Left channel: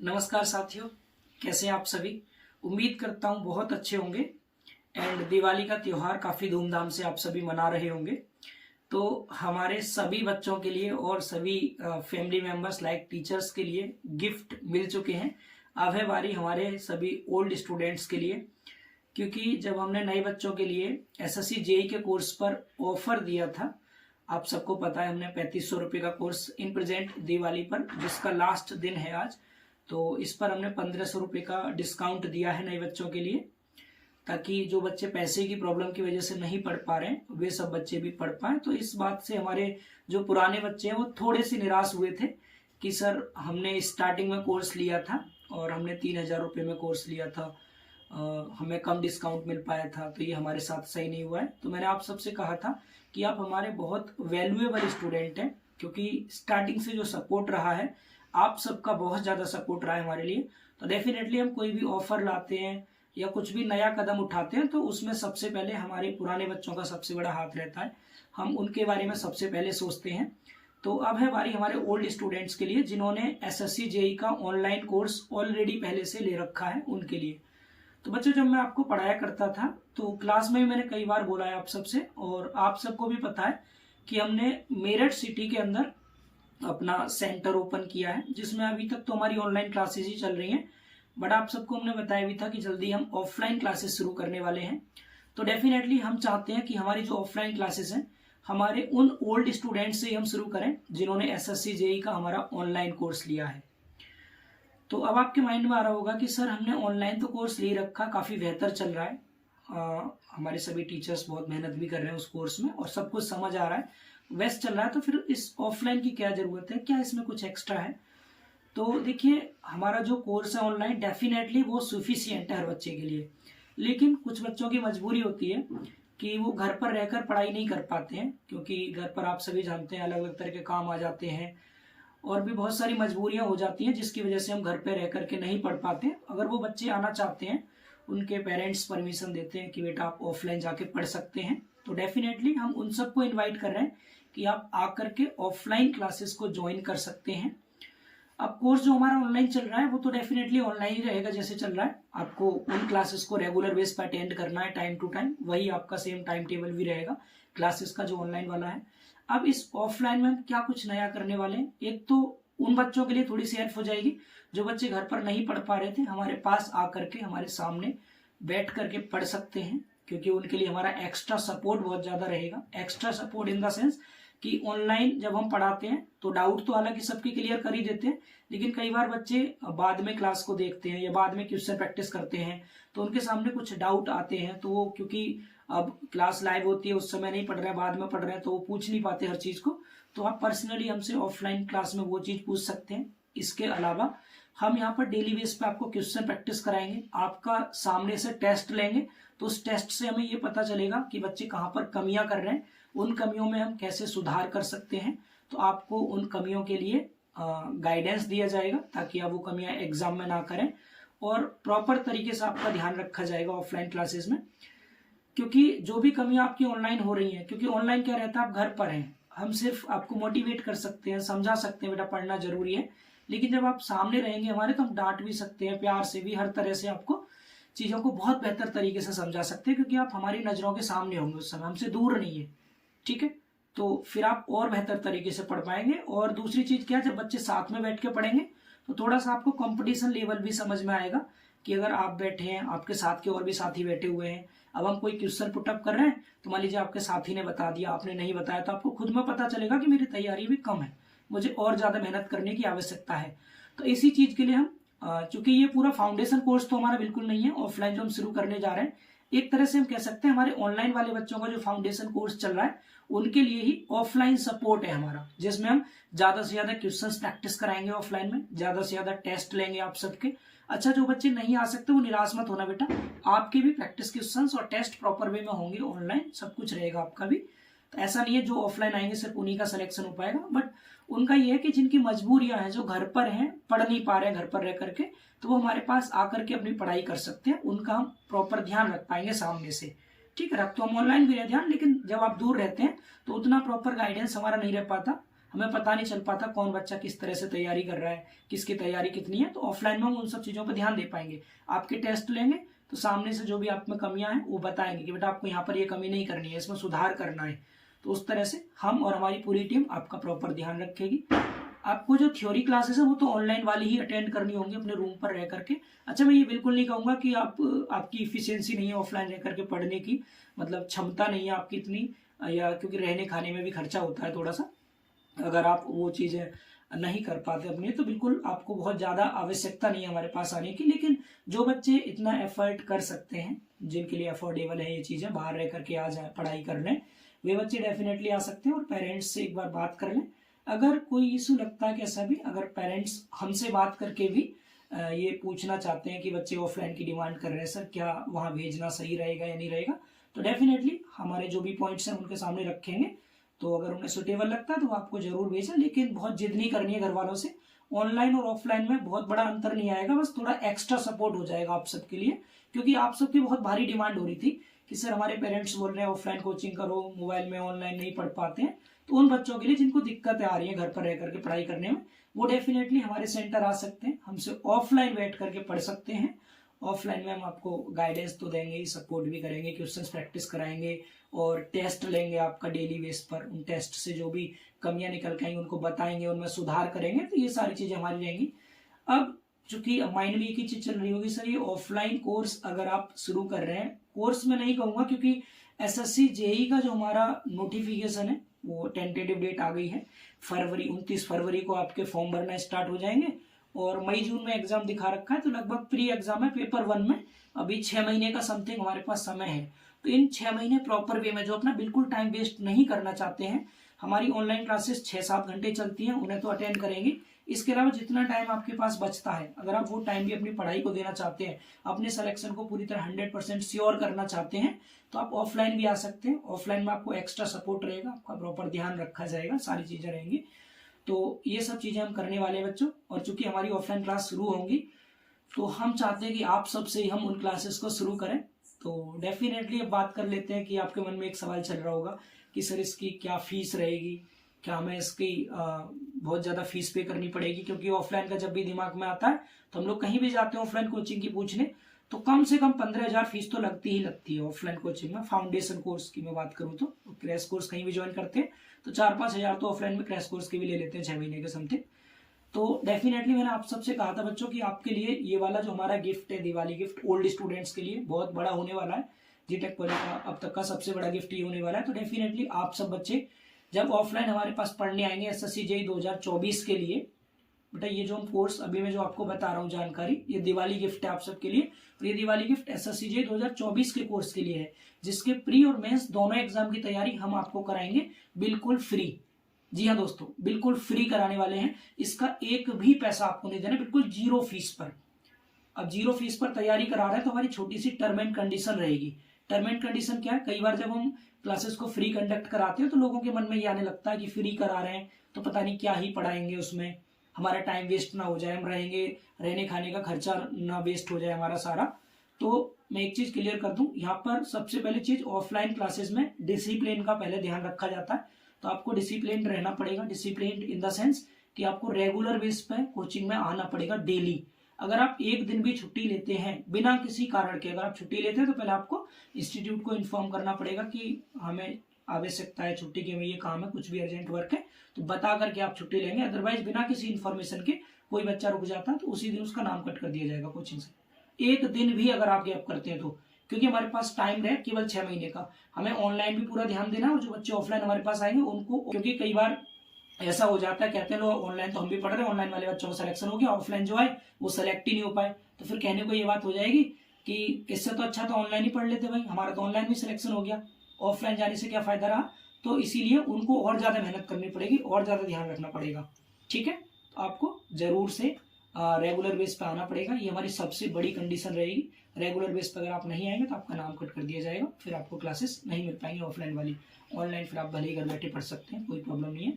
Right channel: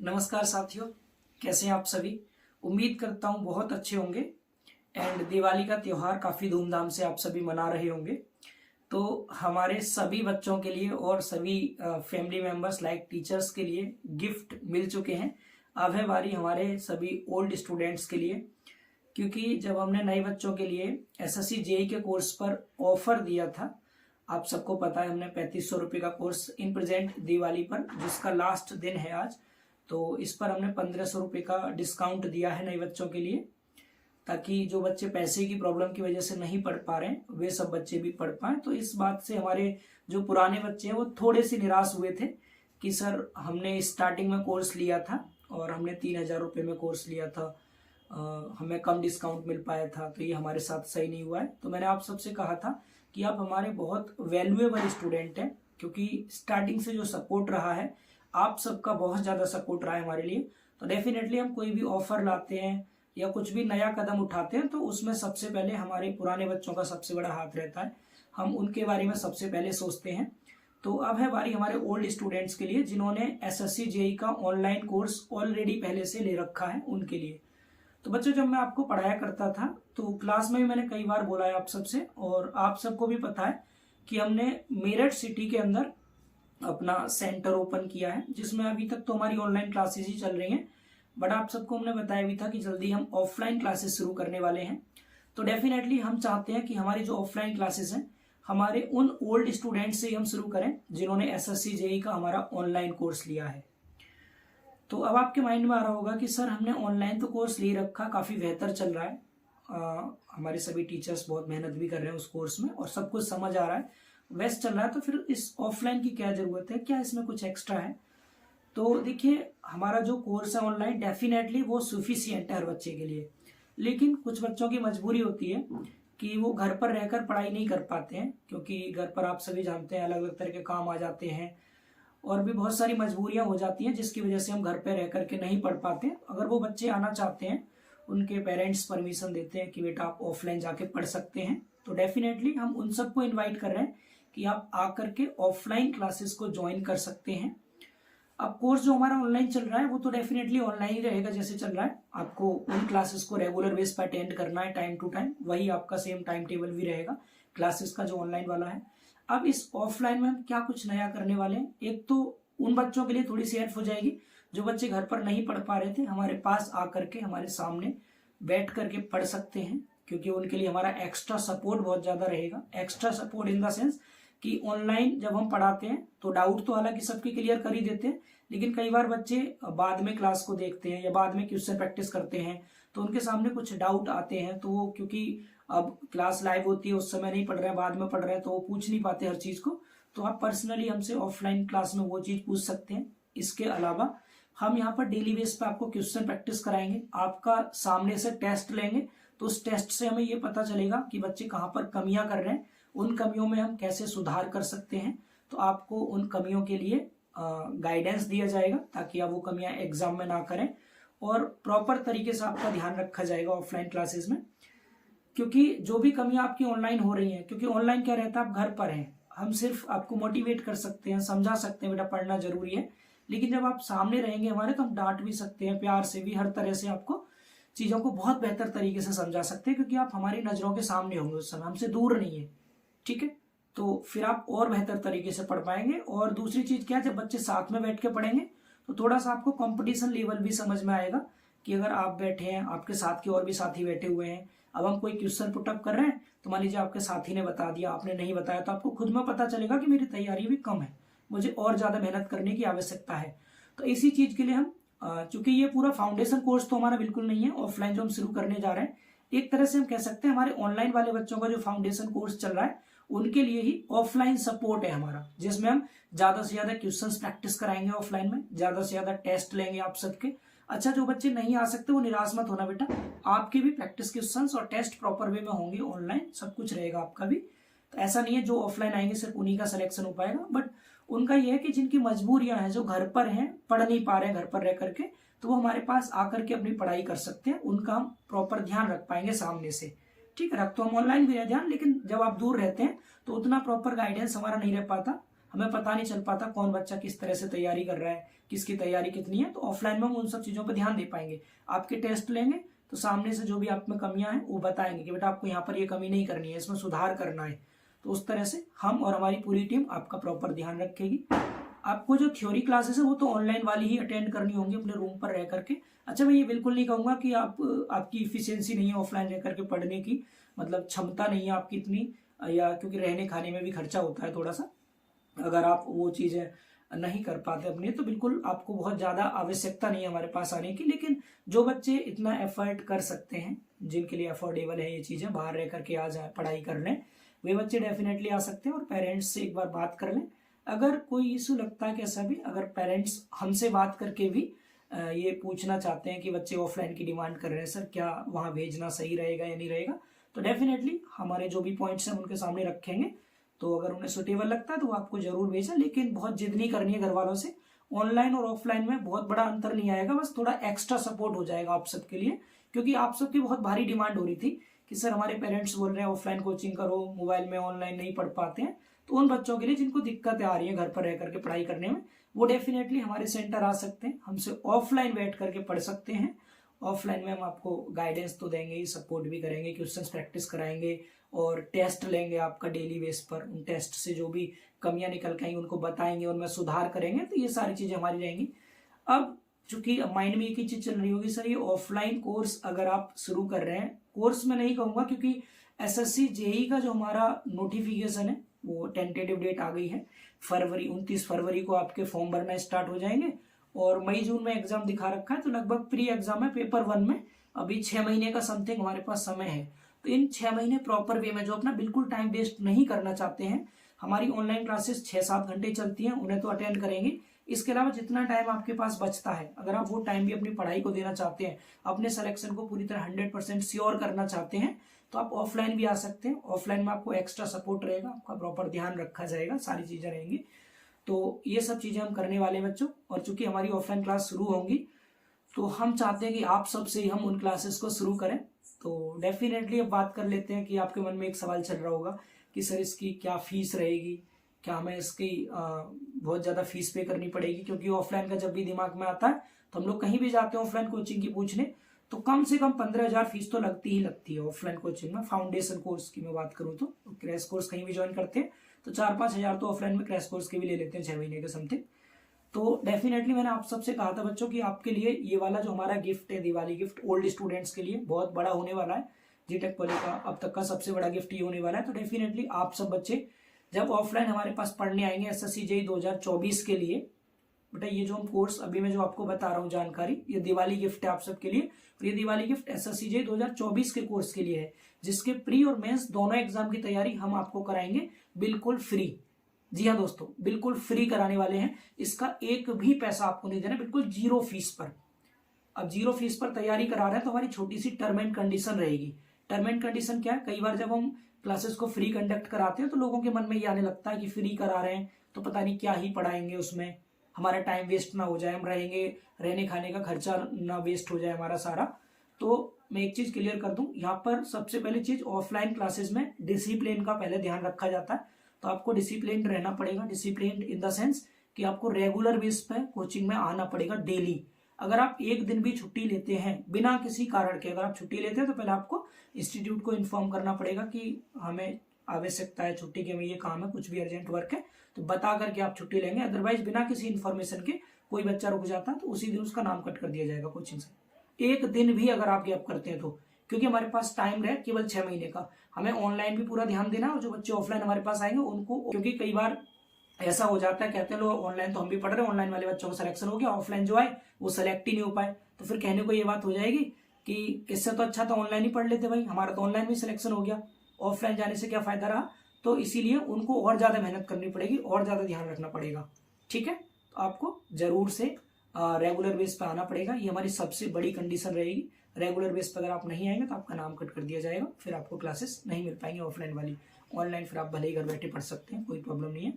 नमस्कार साथियों, कैसे हैं आप सभी। उम्मीद करता हूँ बहुत अच्छे होंगे एंड दिवाली का त्यौहार काफ़ी धूमधाम से आप सभी मना रहे होंगे। तो हमारे सभी बच्चों के लिए और सभी फैमिली मेंबर्स लाइक टीचर्स के लिए गिफ्ट मिल चुके हैं। अब है बारी हमारे सभी ओल्ड स्टूडेंट्स के लिए, क्योंकि जब हमने नए बच्चों के लिए एसएससी जेई के कोर्स पर ऑफर दिया था, आप सबको पता है हमने 3500 रुपये का कोर्स इन प्रेजेंट दिवाली पर, जिसका लास्ट दिन है आज, तो इस पर हमने 1500 रुपये का डिस्काउंट दिया है नए बच्चों के लिए, ताकि जो बच्चे पैसे की प्रॉब्लम की वजह से नहीं पढ़ पा रहे हैं वे सब बच्चे भी पढ़ पाएं। तो इस बात से हमारे जो पुराने बच्चे हैं वो थोड़े से निराश हुए थे कि सर हमने स्टार्टिंग में कोर्स लिया था और हमने 3000 रुपये में कोर्स लिया था, हमें कम डिस्काउंट मिल पाया था, तो ये हमारे साथ सही नहीं हुआ है। तो मैंने आप सबसे कहा था कि आप हमारे बहुत वैल्यूएबल स्टूडेंट हैं, क्योंकि स्टार्टिंग से जो सपोर्ट रहा है आप सबका बहुत ज़्यादा सपोर्ट रहा है हमारे लिए। तो डेफिनेटली हम कोई भी ऑफर लाते हैं या कुछ भी नया कदम उठाते हैं तो उसमें सबसे पहले हमारे पुराने बच्चों का सबसे बड़ा हाथ रहता है, हम उनके बारे में सबसे पहले सोचते हैं। तो अब है बारी हमारे ओल्ड स्टूडेंट्स के लिए जिन्होंने एसएससी जेई का ऑनलाइन कोर्स ऑलरेडी पहले से ले रखा है उनके लिए। तो बच्चों, जब मैं आपको पढ़ाया करता था तो क्लास में भी मैंने कई बार बोला है आप सबसे, और आप सबको भी पता है कि हमने मेरठ सिटी के अंदर अपना सेंटर ओपन किया है, जिसमें अभी तक तो हमारी ऑनलाइन क्लासेस ही चल रही हैं, बट आप सबको हमने बताया भी था कि जल्दी हम ऑफलाइन क्लासेस शुरू करने वाले हैं। तो डेफिनेटली हम चाहते हैं कि हमारी जो ऑफलाइन क्लासेस हैं हमारे उन ओल्ड स्टूडेंट से ही हम शुरू करें जिन्होंने एसएससी जेई का हमारा ऑनलाइन कोर्स लिया है। तो अब आपके माइंड में आ रहा होगा कि सर हमने ऑनलाइन तो कोर्स ले रखा, काफ़ी बेहतर चल रहा है, हमारे सभी टीचर्स बहुत मेहनत भी कर रहे हैं उस कोर्स में और सब कुछ समझ आ रहा है, वेस्ट चल रहा है, तो फिर इस ऑफलाइन की क्या ज़रूरत है, क्या इसमें कुछ एक्स्ट्रा है। तो देखिए, हमारा जो कोर्स है ऑनलाइन डेफिनेटली वो सफिशिएंट है हर बच्चे के लिए, लेकिन कुछ बच्चों की मजबूरी होती है कि वो घर पर रहकर पढ़ाई नहीं कर पाते हैं, क्योंकि घर पर आप सभी जानते हैं अलग अलग तरह के काम आ जाते हैं और भी बहुत सारी मजबूरियां हो जाती हैं, जिसकी वजह से हम घर पर रह करके नहीं पढ़ पाते। अगर वो बच्चे आना चाहते हैं, उनके पेरेंट्स परमिशन देते हैं कि बेटा आप ऑफलाइन जाके पढ़ सकते हैं, तो डेफिनेटली हम उन सबको इन्वाइट कर रहे हैं कि आप आकर के ऑफलाइन क्लासेस को ज्वाइन कर सकते हैं। अब कोर्स जो हमारा ऑनलाइन चल रहा है वो तो डेफिनेटली ऑनलाइन ही रहेगा जैसे चल रहा है, आपको उन क्लासेस को रेगुलर बेस पर अटेंड करना है टाइम टू टाइम, वही आपका सेम टाइम टेबल भी रहेगा क्लासेस का जो ऑनलाइन वाला है। अब इस ऑफलाइन में हम क्या कुछ नया करने वाले हैं, एक तो उन बच्चों के लिए थोड़ी सी हेल्प हो जाएगी जो बच्चे घर पर नहीं पढ़ पा रहे थे, हमारे पास आकर के हमारे सामने बैठ करके पढ़ सकते हैं, क्योंकि उनके लिए हमारा एक्स्ट्रा सपोर्ट बहुत ज़्यादा रहेगा। Extra support in the sense कि ऑनलाइन जब हम पढ़ाते हैं तो डाउट तो हालांकि सबके क्लियर कर ही देते हैं, लेकिन कई बार बच्चे बाद में क्लास को देखते हैं या बाद में क्वेश्चन प्रैक्टिस करते हैं तो उनके सामने कुछ डाउट आते हैं, तो वो क्योंकि अब क्लास लाइव होती है उस समय नहीं पढ़ रहे हैं, बाद में पढ़ रहे हैं, तो वो पूछ नहीं पाते हर चीज़ को। तो आप पर्सनली हमसे ऑफलाइन क्लास में वो चीज़ पूछ सकते हैं। इसके अलावा हम यहाँ पर डेली बेस पे आपको क्वेश्चन प्रैक्टिस कराएंगे, आपका सामने से टेस्ट लेंगे, तो उस टेस्ट से हमें ये पता चलेगा कि बच्चे कहाँ पर कमियां कर रहे हैं, उन कमियों में हम कैसे सुधार कर सकते हैं। तो आपको उन कमियों के लिए गाइडेंस दिया जाएगा ताकि आप वो कमियां एग्जाम में ना करें और प्रॉपर तरीके से आपका ध्यान रखा जाएगा ऑफलाइन क्लासेस में। क्योंकि जो भी कमियां आपकी ऑनलाइन हो रही हैं, क्योंकि ऑनलाइन क्या रहता है आप घर पर हैं, हम सिर्फ आपको मोटिवेट कर सकते हैं, समझा सकते हैं बेटा पढ़ना जरूरी है, लेकिन जब आप सामने रहेंगे हमारे तो हम डांट भी सकते हैं, प्यार से भी, हर तरह से आपको चीज़ों को बहुत बेहतर तरीके से समझा सकते हैं, क्योंकि आप हमारी नज़रों के सामने होंगे उस समय, हमसे दूर नहीं है। ठीक है, तो फिर आप और बेहतर तरीके से पढ़ पाएंगे। और दूसरी चीज़ क्या है, जब बच्चे साथ में बैठ के पढ़ेंगे तो थोड़ा सा आपको कंपटीशन लेवल भी समझ में आएगा कि अगर आप बैठे हैं, आपके साथ के और भी साथी बैठे हुए हैं, अब हम कोई क्वेश्चन पुटअप कर रहे हैं तो मान लीजिए आपके साथी ने बता दिया, आपने नहीं बताया, तो आपको खुद में पता चलेगा कि मेरी तैयारी भी कम है, मुझे और ज़्यादा मेहनत करने की आवश्यकता है। तो इसी चीज़ के लिए हम चूंकि ये पूरा फाउंडेशन कोर्स तो हमारा बिल्कुल नहीं है, ऑफलाइन जो हम शुरू करने जा रहे हैं, एक तरह से हम कह सकते हैं हमारे ऑनलाइन वाले बच्चों का जो फाउंडेशन कोर्स चल रहा है उनके लिए ही ऑफलाइन सपोर्ट है हमारा, जिसमें हम ज्यादा से ज्यादा क्वेश्चंस प्रैक्टिस कराएंगे ऑफलाइन में, ज्यादा से ज्यादा टेस्ट लेंगे आप सबके। अच्छा, जो बच्चे नहीं आ सकते वो निराश मत होना बेटा, आपके भी प्रैक्टिस क्वेश्चंस और टेस्ट प्रॉपर वे में होंगे, ऑनलाइन सब कुछ रहेगा आपका भी। तो ऐसा नहीं है जो ऑफलाइन आएंगे सिर्फ उन्हीं का सिलेक्शन हो पाएगा, बट उनका ये है कि जिनकी मजबूरियां हैं, जो घर पर हैं, पढ़ नहीं पा रहे हैं घर पर रह करके, तो वो हमारे पास आकर के अपनी पढ़ाई कर सकते हैं, उनका हम प्रॉपर ध्यान रख पाएंगे सामने से। ठीक है, रख तो हम ऑनलाइन भी रहे ध्यान, लेकिन जब आप दूर रहते हैं तो उतना प्रॉपर गाइडेंस हमारा नहीं रह पाता, हमें पता नहीं चल पाता कौन बच्चा किस तरह से तैयारी कर रहा है, किसकी तैयारी कितनी है। तो ऑफलाइन में हम उन सब चीज़ों पर ध्यान दे पाएंगे। आपके टेस्ट लेंगे तो सामने से जो भी आप में कमियां हैं वो बताएंगे कि बेटा आपको यहाँ पर ये कमी नहीं करनी है, इसमें सुधार करना है। तो उस तरह से हम और हमारी पूरी टीम आपका प्रॉपर ध्यान रखेगी। आपको जो थ्योरी क्लासेस है वो तो ऑनलाइन वाली ही अटेंड करनी होंगी अपने रूम पर रह करके। अच्छा, मैं ये बिल्कुल नहीं कहूँगा कि आपकी इफिशियंसी नहीं है ऑफलाइन रह करके पढ़ने की, मतलब क्षमता नहीं है आपकी इतनी, या क्योंकि रहने खाने में भी खर्चा होता है थोड़ा सा, अगर आप वो चीज़ें नहीं कर पाते अपने, तो बिल्कुल आपको बहुत ज़्यादा आवश्यकता नहीं है हमारे पास आने की। लेकिन जो बच्चे इतना एफर्ट कर सकते हैं, जिनके लिए अफोर्डेबल है ये चीज़ें, बाहर रह करके आ जाए पढ़ाई करने, वे बच्चे डेफिनेटली आ सकते हैं। और पेरेंट्स से एक बार बात कर लें, अगर कोई इशू लगता है कैसा भी, अगर पेरेंट्स हमसे बात करके भी ये पूछना चाहते हैं कि बच्चे ऑफलाइन की डिमांड कर रहे हैं सर, क्या वहाँ भेजना सही रहेगा या नहीं रहेगा, तो डेफिनेटली हमारे जो भी पॉइंट्स हैं उनके सामने रखेंगे। तो अगर उन्हें सुटेबल लगता है तो वो आपको जरूर भेजें, लेकिन बहुत जिद नहीं करनी है घर वालों से। ऑनलाइन और ऑफलाइन में बहुत बड़ा अंतर नहीं आएगा, बस थोड़ा एक्स्ट्रा सपोर्ट हो जाएगा आप सबके लिए, क्योंकि आप सबकी बहुत भारी डिमांड हो रही थी कि सर हमारे पेरेंट्स बोल रहे हैं ऑफलाइन कोचिंग करो, मोबाइल में ऑनलाइन नहीं पढ़ पाते हैं। तो उन बच्चों के लिए जिनको दिक्कतें आ रही है घर पर रह करके पढ़ाई करने में, वो डेफिनेटली हमारे सेंटर आ सकते हैं, हमसे ऑफलाइन बैठ करके पढ़ सकते हैं। ऑफलाइन में हम आपको गाइडेंस तो देंगे ही, सपोर्ट भी करेंगे, क्वेश्चंस प्रैक्टिस कराएंगे और टेस्ट लेंगे आपका डेली बेस पर। उन टेस्ट से जो भी कमियां निकल के आएंगी उनको बताएंगे, उनमें सुधार करेंगे। तो ये सारी चीजें हमारी रहेंगी। अब चूंकि माइंड में एक ही चीज चल रही होगी सर, ये ऑफलाइन कोर्स अगर आप शुरू कर रहे हैं, कोर्स में नहीं कहूंगा क्योंकि एसएससी जेई का जो हमारा नोटिफिकेशन है वो टेंटेटिव डेट आ गई है, फरवरी 29 फरवरी को आपके फॉर्म भरना स्टार्ट हो जाएंगे और मई जून में एग्जाम दिखा रखा है। तो लगभग प्री एग्जाम है पेपर 1 में, अभी 6 महीने का समथिंग हमारे पास समय है। तो इन 6 महीने प्रॉपर वे में जो अपना बिल्कुल टाइम वेस्ट नहीं करना चाहते हैं, हमारी ऑनलाइन क्लासेस 6-7 घंटे चलती हैं, उन्हें तो अटेंड करेंगे। इसके अलावा जितना टाइम आपके पास बचता है, अगर आप वो टाइम भी अपनी पढ़ाई को देना चाहते हैं, अपने सिलेक्शन को पूरी तरह 100% श्योर करना चाहते हैं, तो आप ऑफलाइन भी आ सकते हैं। ऑफलाइन में आपको एक्स्ट्रा सपोर्ट रहेगा, आपका प्रॉपर ध्यान रखा जाएगा, सारी चीजें रहेंगी। तो ये सब चीजें हम करने वाले बच्चों। और चूंकि हमारी ऑफलाइन क्लास शुरू होंगी तो हम चाहते हैं कि आप सबसे ही हम उन क्लासेस को शुरू करें। तो डेफिनेटली अब बात कर लेते हैं कि आपके मन में एक सवाल चल रहा होगा कि सर इसकी क्या फीस रहेगी, क्या हमें इसकी बहुत ज़्यादा फीस पे करनी पड़ेगी, क्योंकि ऑफलाइन का जब भी दिमाग में आता है तो हम लोग कहीं भी जाते हैं ऑफलाइन कोचिंग की पूछने, तो कम से कम 15,000 फीस तो लगती ही लगती है ऑफलाइन कोचिंग में। फाउंडेशन कोर्स की मैं बात करूँ तो क्रैश कोर्स कहीं भी ज्वाइन करते हैं तो 4-5 हज़ार तो ऑफलाइन में क्रैश कोर्स के भी ले लेते हैं 6 महीने के समथिंग। तो डेफिनेटली मैंने आप सबसे कहा था बच्चों कि आपके लिए ये वाला जो हमारा गिफ्ट है, दिवाली गिफ्ट, ओल्ड स्टूडेंट्स के लिए बहुत बड़ा होने वाला है। जीटेक पॉली का अब तक का सबसे बड़ा गिफ्ट ये होने वाला है। तो डेफिनेटली आप सब बच्चे जब ऑफलाइन हमारे पास पढ़ने आएंगे एसएससी जेईई 2024 के लिए, बेटा ये जो हम कोर्स अभी मैं जो आपको बता रहा हूँ जानकारी, ये दिवाली गिफ्ट है आप सबके लिए। और ये दिवाली गिफ्ट एसएससी जेईई 2024 के कोर्स के लिए है, जिसके प्री और मेंस दोनों एग्जाम की तैयारी हम आपको कराएंगे बिल्कुल फ्री। जी हाँ दोस्तों, बिल्कुल फ्री कराने वाले हैं, इसका एक भी पैसा आपको नहीं देना, बिल्कुल जीरो फीस पर। अब जीरो फीस पर तैयारी करा रहे हैं तो हमारी छोटी सी टर्म एंड कंडीशन रहेगी। टर्म एंड कंडीशन क्या है, कई बार जब हम क्लासेस को फ्री कंडक्ट कराते हैं तो लोगों के मन में ये आने लगता है कि फ्री करा रहे हैं तो पता नहीं क्या ही पढ़ाएंगे, उसमें हमारा टाइम वेस्ट ना हो जाए, हम रहेंगे, रहने खाने का खर्चा ना वेस्ट हो जाए हमारा सारा। तो मैं एक चीज क्लियर कर दूं, यहाँ पर सबसे पहली चीज ऑफलाइन क्लासेस में डिसिप्लिन का पहले ध्यान रखा जाता है। तो आपको डिसिप्लिन रहना पड़ेगा, डिसिप्लिन इन द सेंस कि आपको रेगुलर बेस पे कोचिंग में आना पड़ेगा डेली। अगर आप एक दिन भी छुट्टी लेते हैं बिना किसी कारण के, अगर आप छुट्टी लेते हैं तो पहले आपको इंस्टीट्यूट को इन्फॉर्म करना पड़ेगा कि हमें आवश्यकता है छुट्टी के, में ये काम है, कुछ भी अर्जेंट वर्क है, तो बता करके आप छुट्टी लेंगे। अदरवाइज बिना किसी इन्फॉर्मेशन के कोई बच्चा रुक जाता है तो उसी दिन उसका नाम कट कर दिया जाएगा कोचिंग से। एक दिन भी अगर आप गैप करते हैं तो, क्योंकि हमारे पास टाइम रहे केवल 6 महीने का, हमें ऑनलाइन भी पूरा ध्यान देना और जो बच्चे ऑफलाइन हमारे पास आएंगे उनको, क्योंकि कई बार ऐसा हो जाता है, कहते हैं लोग ऑनलाइन तो हम भी पढ़ रहे हैं, ऑनलाइन वाले बच्चों को सिलेक्शन हो गया, ऑफलाइन जो आए वो सेलेक्ट ही नहीं हो पाए, तो फिर कहने को ये बात हो जाएगी कि इससे तो अच्छा तो ऑनलाइन ही पढ़ लेते भाई, हमारा तो ऑनलाइन भी सिलेक्शन हो गया, ऑफलाइन जाने से क्या फायदा रहा। तो इसीलिए उनको और ज्यादा मेहनत करनी पड़ेगी और ज्यादा ध्यान रखना पड़ेगा। ठीक है, तो आपको जरूर से रेगुलर बेस पे आना पड़ेगा, ये हमारी सबसे बड़ी कंडीशन रहेगी। रेगुलर बेस पर अगर आप नहीं आएंगे तो आपका नाम कट कर दिया जाएगा, फिर आपको क्लासेस नहीं मिल पाएंगी ऑफलाइन वाली। ऑनलाइन फिर आप भले ही घर बैठे पढ़ सकते हैं, कोई प्रॉब्लम नहीं है।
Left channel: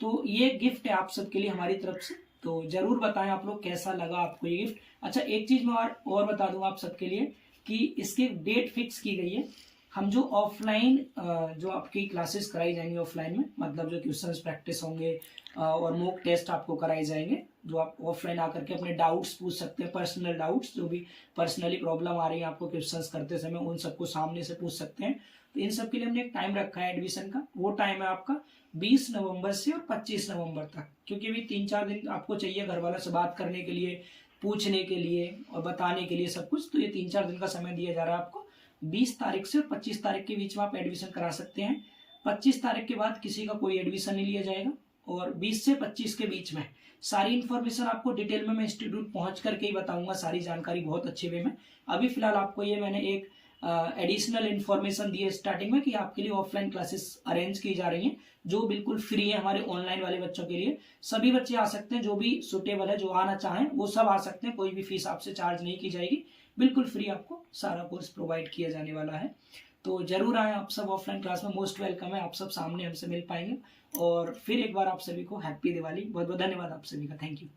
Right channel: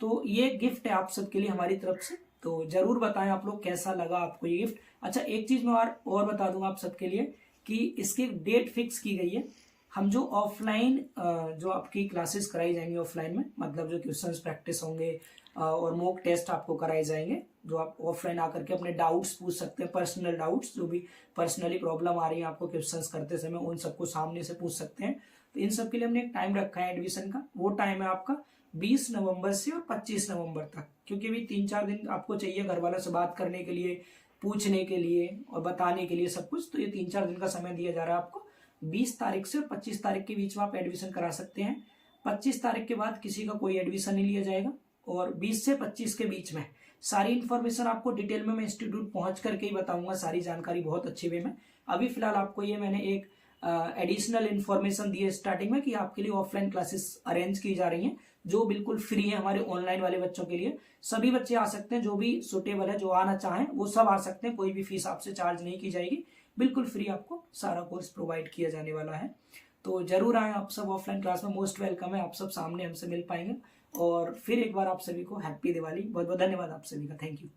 तो ये गिफ्ट है आप सबके लिए हमारी तरफ से, तो जरूर बताएं आप लोग कैसा लगा आपको ये गिफ्ट। अच्छा, एक चीज मैं और बता दूंगा आप सबके लिए कि इसकी डेट फिक्स की गई है हम जो ऑफलाइन जो आपकी क्लासेस कराई जाएंगी ऑफलाइन में, मतलब जो क्वेश्चंस प्रैक्टिस होंगे और मॉक टेस्ट आपको कराए जाएंगे, जो आप ऑफलाइन आकर के अपने डाउट्स पूछ सकते हैं, पर्सनल डाउट्स जो भी पर्सनली प्रॉब्लम आ रही है आपको क्वेश्चंस करते समय, उन सबको सामने से पूछ सकते हैं। तो इन सब के लिए हमने एक टाइम रखा है एडमिशन का। वो टाइम है आपका 20 नवंबर से और 25 नवंबर तक, क्योंकि अभी 3-4 दिन आपको चाहिए घर वालों से बात करने के लिए, पूछने के लिए और बताने के लिए सब कुछ। तो ये 3-4 दिन का समय दिया जा रहा है आपको। 20 तारीख से 25 तारीख के बीच में आप एडमिशन करा सकते हैं। 25 तारीख के बाद किसी का कोई एडमिशन नहीं लिया जाएगा, और 20 से 25 के बीच में सारी इन्फॉर्मेशन आपको डिटेल में मैं इंस्टीट्यूट पहुंच करके ही बताऊंगा, सारी जानकारी बहुत अच्छे वे में। अभी फिलहाल आपको ये मैंने एक एडिशनल इन्फॉर्मेशन दी है स्टार्टिंग में कि आपके लिए ऑफलाइन क्लासेस अरेंज की जा रही हैं, जो बिल्कुल फ्री है हमारे ऑनलाइन वाले बच्चों के लिए। सभी बच्चे आ सकते हैं, जो भी सुटेबल है, जो आना चाहें वो सब आ सकते हैं, कोई भी फीस आपसे चार्ज नहीं की जाएगी, बिल्कुल फ्री आपको सारा कोर्स प्रोवाइड किया जाने वाला है। तो जरूर आए आप सब ऑफलाइन क्लास में, मोस्ट वेलकम है, आप सब सामने हमसे मिल पाएंगे। और फिर एक बार आप सभी को हैप्पी दिवाली, बहुत बहुत धन्यवाद आप सभी का, थैंक यू।